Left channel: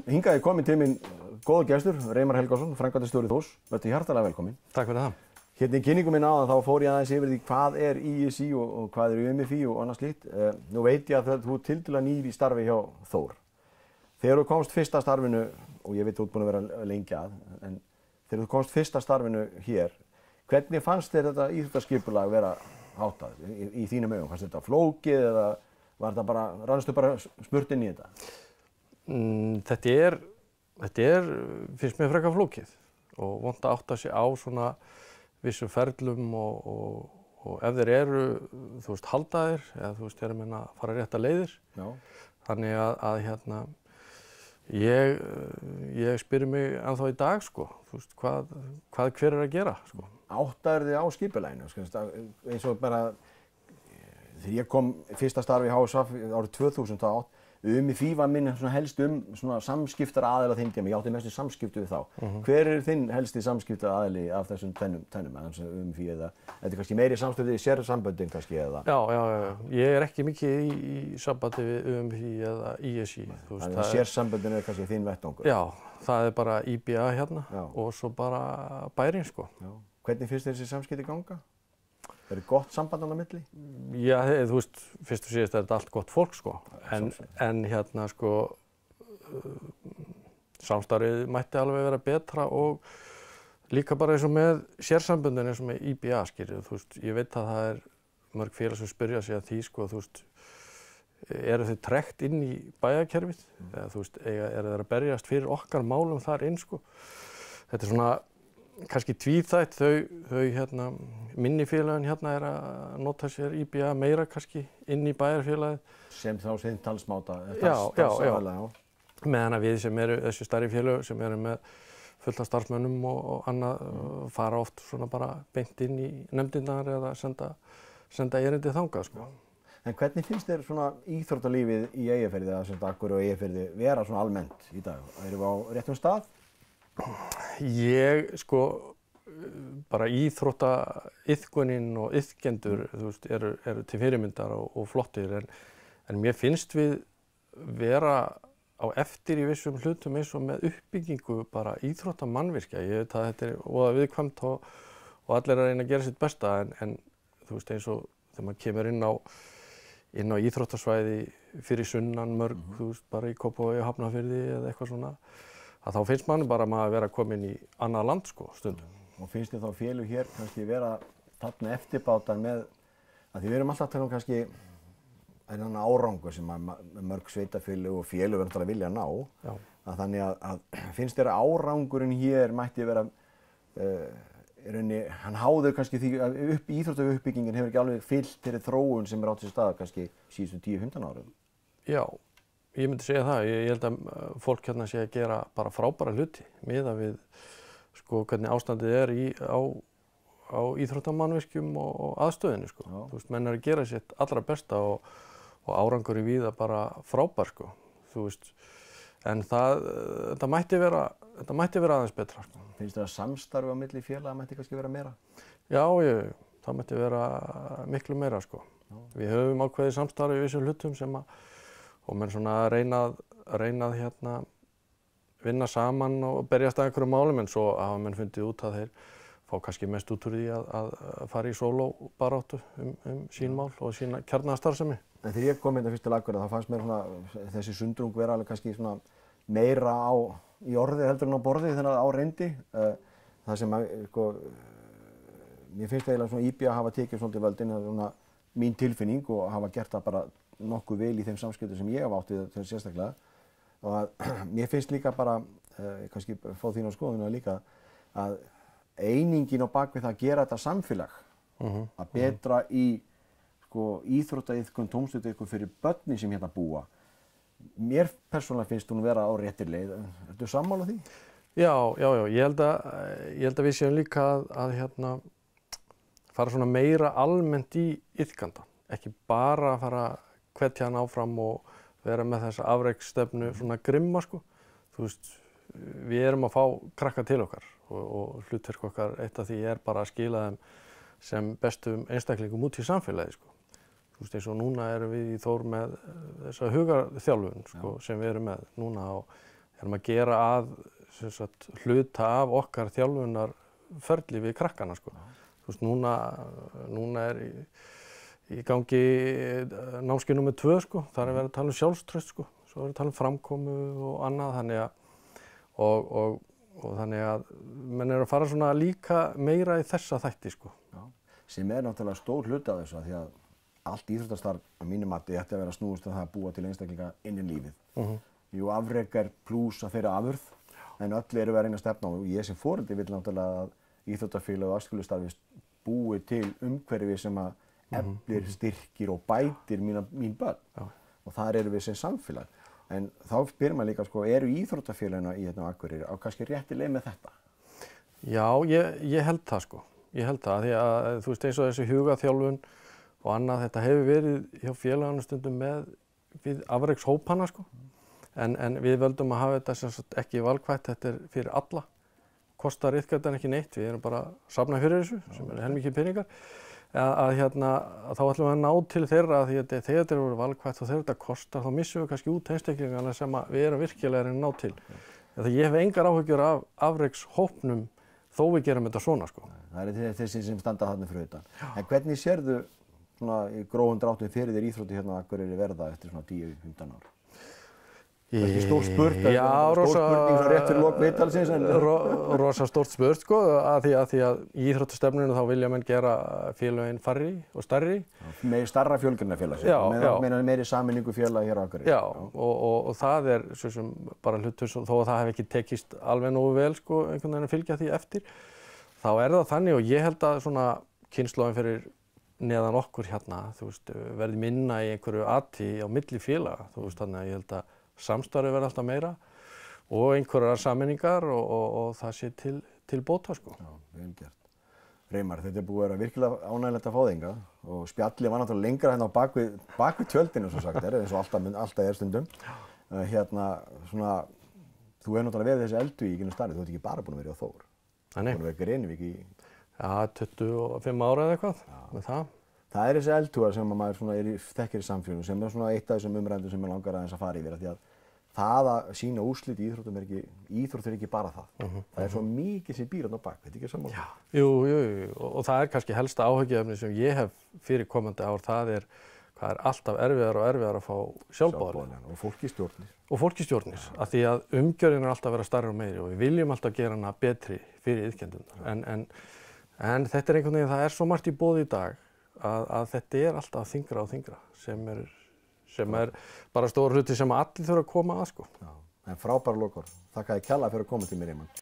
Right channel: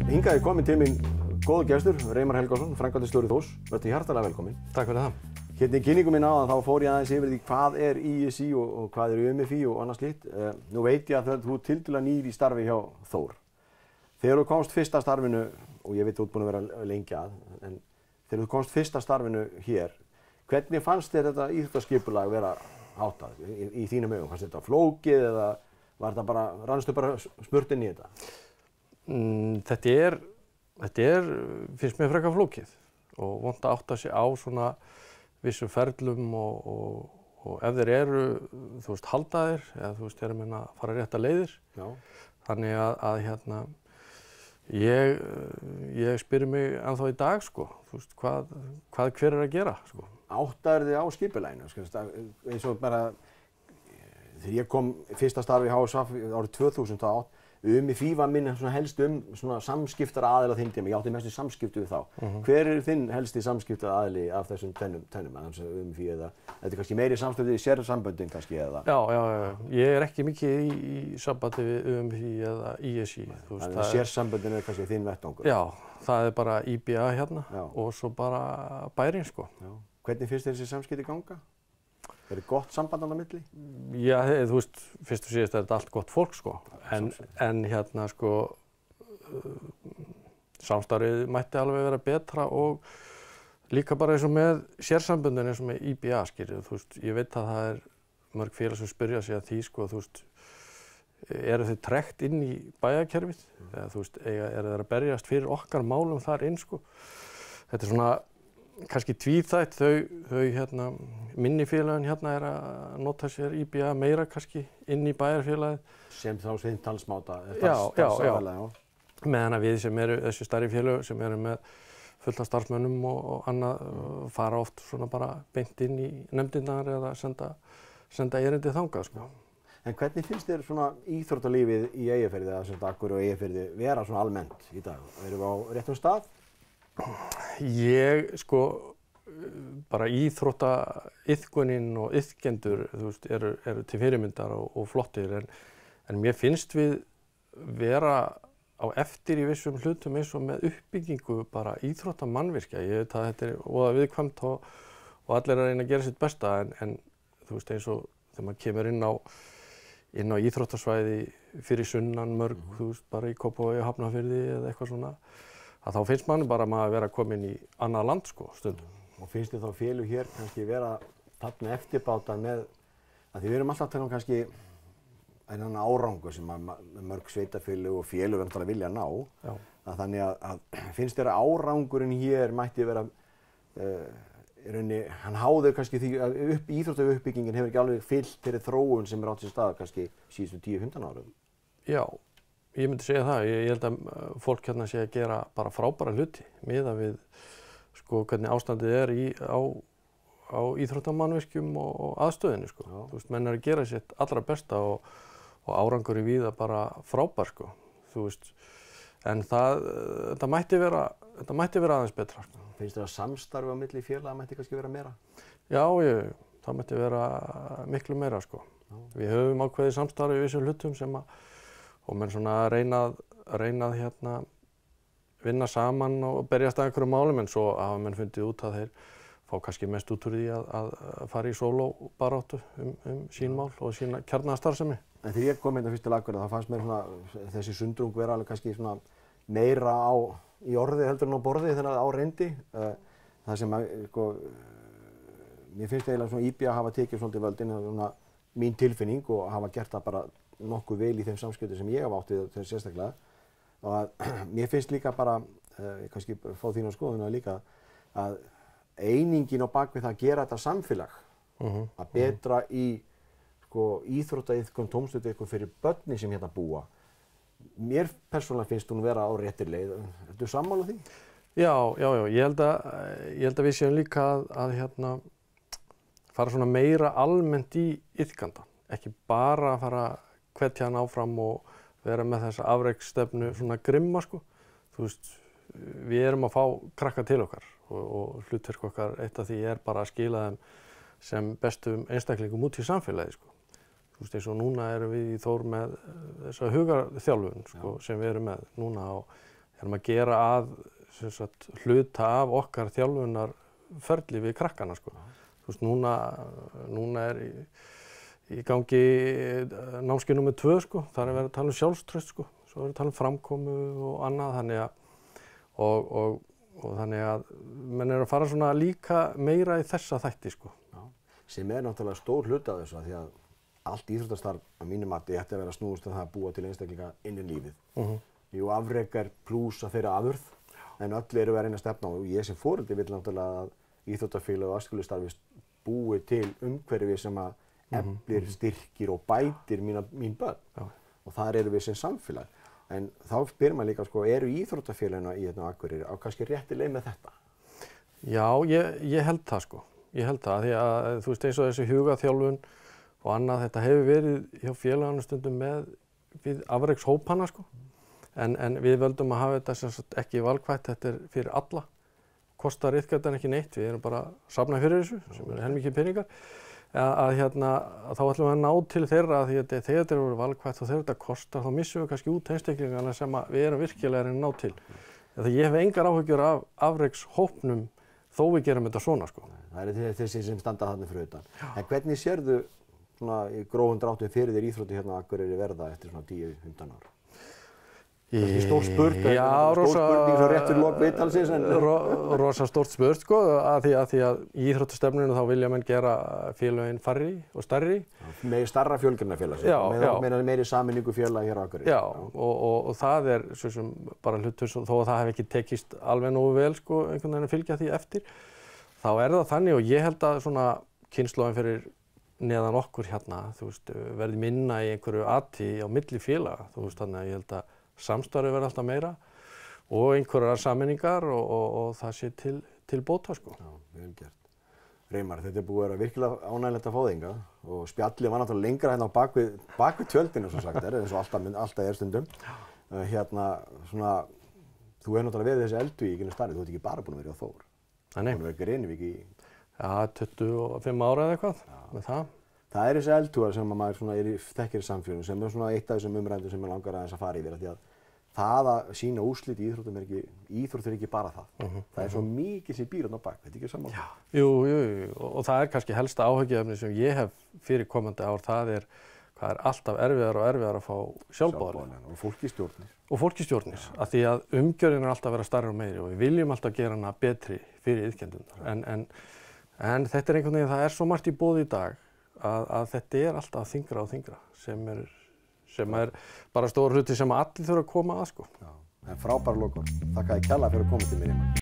Hingað er kominn til mín góður gestur, Reimar Helgason, framkvæmdastjóri Þórs. Vertu hjartanlega velkominn. Takk fyrir það. Hérna í kynningu minni áðan þá fór ég aðeins yfir því hvað er ISÍ og hvað er UMFÍ og annað slíkt. Nú veit ég að þú tiltölulega nýr í starfi hjá Þór. Þegar þú komst fyrst að starfinu, og ég veit þú ert búinn að vera lengi að, en þegar þú komst fyrst að starfinu hér, hvernig fannst þér þetta íþróttaskipulag vera háttað í þínum augum? Fannst þetta flókið eða var þetta bara, rannstu bara smurt inn í þetta? Þetta er, finnst mér frekar flókið og vont að átta sig á svona vissum ferlum og ef þeir eru, þú veist, haldaðir eða þú veist, þeir meina að fara rétta leiðir. Já. Þannig að hérna, ég spyr mig ennþá í dag, sko, þú veist, hvað hver er að gera, sko. Áttaður þið á skipulaginu, eins og bara, þegar ég kom fyrsta starfi í HSF árið 2008, UMFÍ var minn helst svona samskiptaraðili á þeim tíma, ég átti mestu samskipti við þá. Hver er þinn helsti samskiptaraðili af þessum tvennum, UMFÍ eða, þetta er kannski meiri samskipti í sérsamböndin kannski eða? Já, ég er ekki mikið í sambandi við UMFÍ eða ISÍ. Þannig að sérsamböndin er kannski þinn vettvangur? Já, það er bara IBA hérna og svo bara bærinn, sko. Já. Hvernig finnst þér þessi samskipti ganga? Er þetta gott samband á milli? Já, þú veist, fyrst og síðast er þetta allt gott fólk, sko. En hérna, sko, samstarfið mætti alveg vera betra og líka bara eins og með sérsamböndin eins og með IBA, skilur, þú veist, ég veit að það er mörg félag sem spyrja sig að því, sko, þú veist, eru þau tregt inn í bæjarkerfið? Eða, þú veist, eru þeir að berjast fyrir okkar málum þar inn, sko? Þetta er svona kannski tvíþætt, þau hérna, minni félagin hérna er að nota sér IBA meira kannski inn í bæjarfélagið. Sem þá sinn talsmáta? Já. Meðan að við sem eru þessi stærri félög sem eru með fullt af starfsmönnum og annað fara oft svona bara beint inn í nefndirnar eða senda erindi þangað, sko. En hvernig finnst þér svona íþróttalífið í Eyjafirði eða sem Akureyri og Eyjafirði vera svona almennt í dag? Erum við á réttum stað? Sko, bara íþróttaiðkunin og iðkendur, þú veist, eru til fyrirmyndar og flottir, en mér finnst við vera á eftir í vissum hlutum eins og með uppbyggingu bara íþróttamannvirkja. Ég veit að þetta er voða viðkvæmt og allir er að reyna að gera sitt besta, en þú veist, eins og þegar maður kemur inn á íþróttasvæði fyrir sunnan mörg, þú veist, bara í Kópavogi og Hafnarfirði eða eitthvað svona, að þá finnst manni bara að vera komin í annað land, sko, stundum. Og finnst þér þá félög hér kannski vera þarna eftirbátar með, að því við erum alltaf að tala kannski þennan árangur sem mörg sveitafélög og félög verður að vilja ná. Já. Að þannig að finnst þér að árangurinn hér mætti vera, hann háður kannski því að íþróttauppbyggingin hefur ekki alveg fylgt þeirri þróun sem átt sér stað kannski síðustu 10-15 árum. Já. Ég myndi segja það. Ég held að fólk hérna sé að gera bara frábæra hluti miðað við, sko, hvernig ástandið er á íþróttamannvirkjum og aðstöðinni, sko. Já. Þú veist, menn er að gera sitt allra besta og árangur í víða bara frábær, sko. Þú veist, en þetta mætti vera aðeins betra, sko. Finnst þér að samstarfi á milli félaga mætti kannski vera meira? Já, það mætti vera miklu meira, sko. Já. Við höfum ákveðið samstarfi í vissum hlutum sem og menn svona reyna að hérna vinna saman og berjast að einhverjum málum, en svo hafa menn fundið út að þeir fá kannski mest út úr því að fara í sólóbaráttu sín mál og sína kjarnastarfsemi. En þegar ég kom hérna fyrst til Akureyrar þá fannst mér svona þessi sundrung vera alveg kannski svona meira í orði heldur en á borði þegar á reyndi. Það sem sko, mér finnst eiginlega svona IBA hafa tekið svolítið völdin, það er svona mín tilfinning og hafa gert það bara nokkuð vel í þeim samskiptum sem ég hef átt við þetta sérstaklega. Og að mér finnst líka bara, kannski fá þín á skoðuna líka, að einingin á bakvið það að gera þetta samfélag, að betra í sko, íþróttaiðkun, tómstundaiðkun fyrir börnin sem hérna búa. Mér persónulega finnst hún vera á réttir leið. Ertu sammála því? Já. Ég held að við séum líka að hérna, fara svona meira almennt í iðkanda. Ekki bara að fara hvetja hann áfram og vera með þessa afreksstefnu svona grimma, sko. Þú veist, við erum að fá krakka til okkar og hlutverk okkar, eitt af því er bara að skila þeim sem bestum einstaklingum út í samfélagi, sko. Þú veist, eins og núna erum við í Þór með þessa hugarþjálfun, sko, sem við erum með núna og erum að gera að sem sagt, hluta af okkar þjálfunarferli við krakkana sko. Þú veist, núna er í gangi námskeið númer 2 sko, þar er verið að tala um sjálfstraust sko, svo er verið að tala um framkomu og annað, þannig að menn eru að fara svona líka meira í þessa þætti sko. Já, sem er náttúrulega stór hluti af þessu að því að allt íþróttastarf að mínu mati ætti að vera snúist að það að búa til einstaklinga inn í lífið. Jú, afrek er plús að þeirra afurð, en öll eru að reyna að stefna á og ég sem foreldri vil náttúrulega að íþróttafélag og æskulýðsstarfi búi til umhverfi sem að eflir, styrkir og bætir mín börn. Og þar eru við sem samfélag. En þá spyrir maður líka, sko, eru íþróttafélagina í hérna á Akureyri á kannski rétti leið með þetta? Já, ég held það, sko. Ég held það, því að þú veist eins og þessi hugaþjálfun og annað, þetta hefur verið hjá félaganum stundum við afrekshópana, sko. En við völdum að hafa þetta sem sagt ekki valkvætt, þetta er fyrir alla. Kostar iðgjaldan ekki neitt, við erum bara að safna fyrir þessu, sem er heilmikið peningar. Að þá ætlum við að ná til þeirra því að þegar þetta eru valkvætt og þegar þetta kostar þá missum við kannski út einstaklingana sem við erum virkilega að reyna að ná til. Þegar ég hef engar áhyggjur af afrekshópnum þó við gerum þetta svona sko. Það er þessi sem standa þarna fyrir utan. En hvernig sérðu svona í grófum dráttum fyrir þér íþrótti hérna á Akureyri verða eftir svona 10-15 ár? Það er ekki stór spurt, stór spurning svo rétt fyrir lok viðtalsins. Rosa stórt spurt sko, að því að í íþróttastefnunni þá vilja menn gera félögin færri og stærri. Með starra fjölgunarfélags, meiri sameiningu félag hér á Akureyri. Já, og það er svo sem bara hlutur, þó að það hef ekki tekist alveg nógu vel sko, einhvern veginn að fylgja því eftir. Þá er það þannig og ég held að svona kynslóðin fyrir neðan okkur hérna, þú veist, verði minna í einhverju ati á milli félaga, þú veist, þannig að ég held að samstarfi verði alltaf meira og einhverjar sameiningar og það sé til bóta sko. Já, vel gert. Reimar, þetta er búið að vera virkilega ánægilegt að fá þig hingað og spjallið var náttúrulega lengra hérna á bak við tjöldinu svo sagt eins og alltaf er stundum. Hérna, svona, þú hefur náttúrulega verið þessi eldvík starfið, þú ert ekki bara búin að vera á Þór. Nei. Búin að vera í Grenivík í... Já, 25 ára eða eitthvað með það. Það er þessi eldhúar sem maður svona þekkir í samfélaginu sem er svona eitt af þessum umræðum sem ég langar aðeins að fara yfir því að það að sína úrslit í íþróttum íþrótt er ekki bara það. Það er svo mikið sem býr þarna á bak, veit ekki sammála? Jú, og það er kannski helsta áhyggjuefni sem ég hef fyrir komandi ár, það er hvað er alltaf erfiðar og erfiðar að fá sjálfboðaliða. Og fólk í stjórnir. Og fólk í stjórnir, af því að umgjörðin er alltaf að vera stærri og meiri og við viljum alltaf gera hana betri fyrir iðkendurna. En þetta er einhvern veginn, það er svo margt í boði í dag að þetta er alltaf þyngra og þyngra sem er bara stór hluti sem allir þurfa að koma að sko. Já, en frábæra lokaorð. Þakka þér kærlega fyrir að koma til mér, Reimar.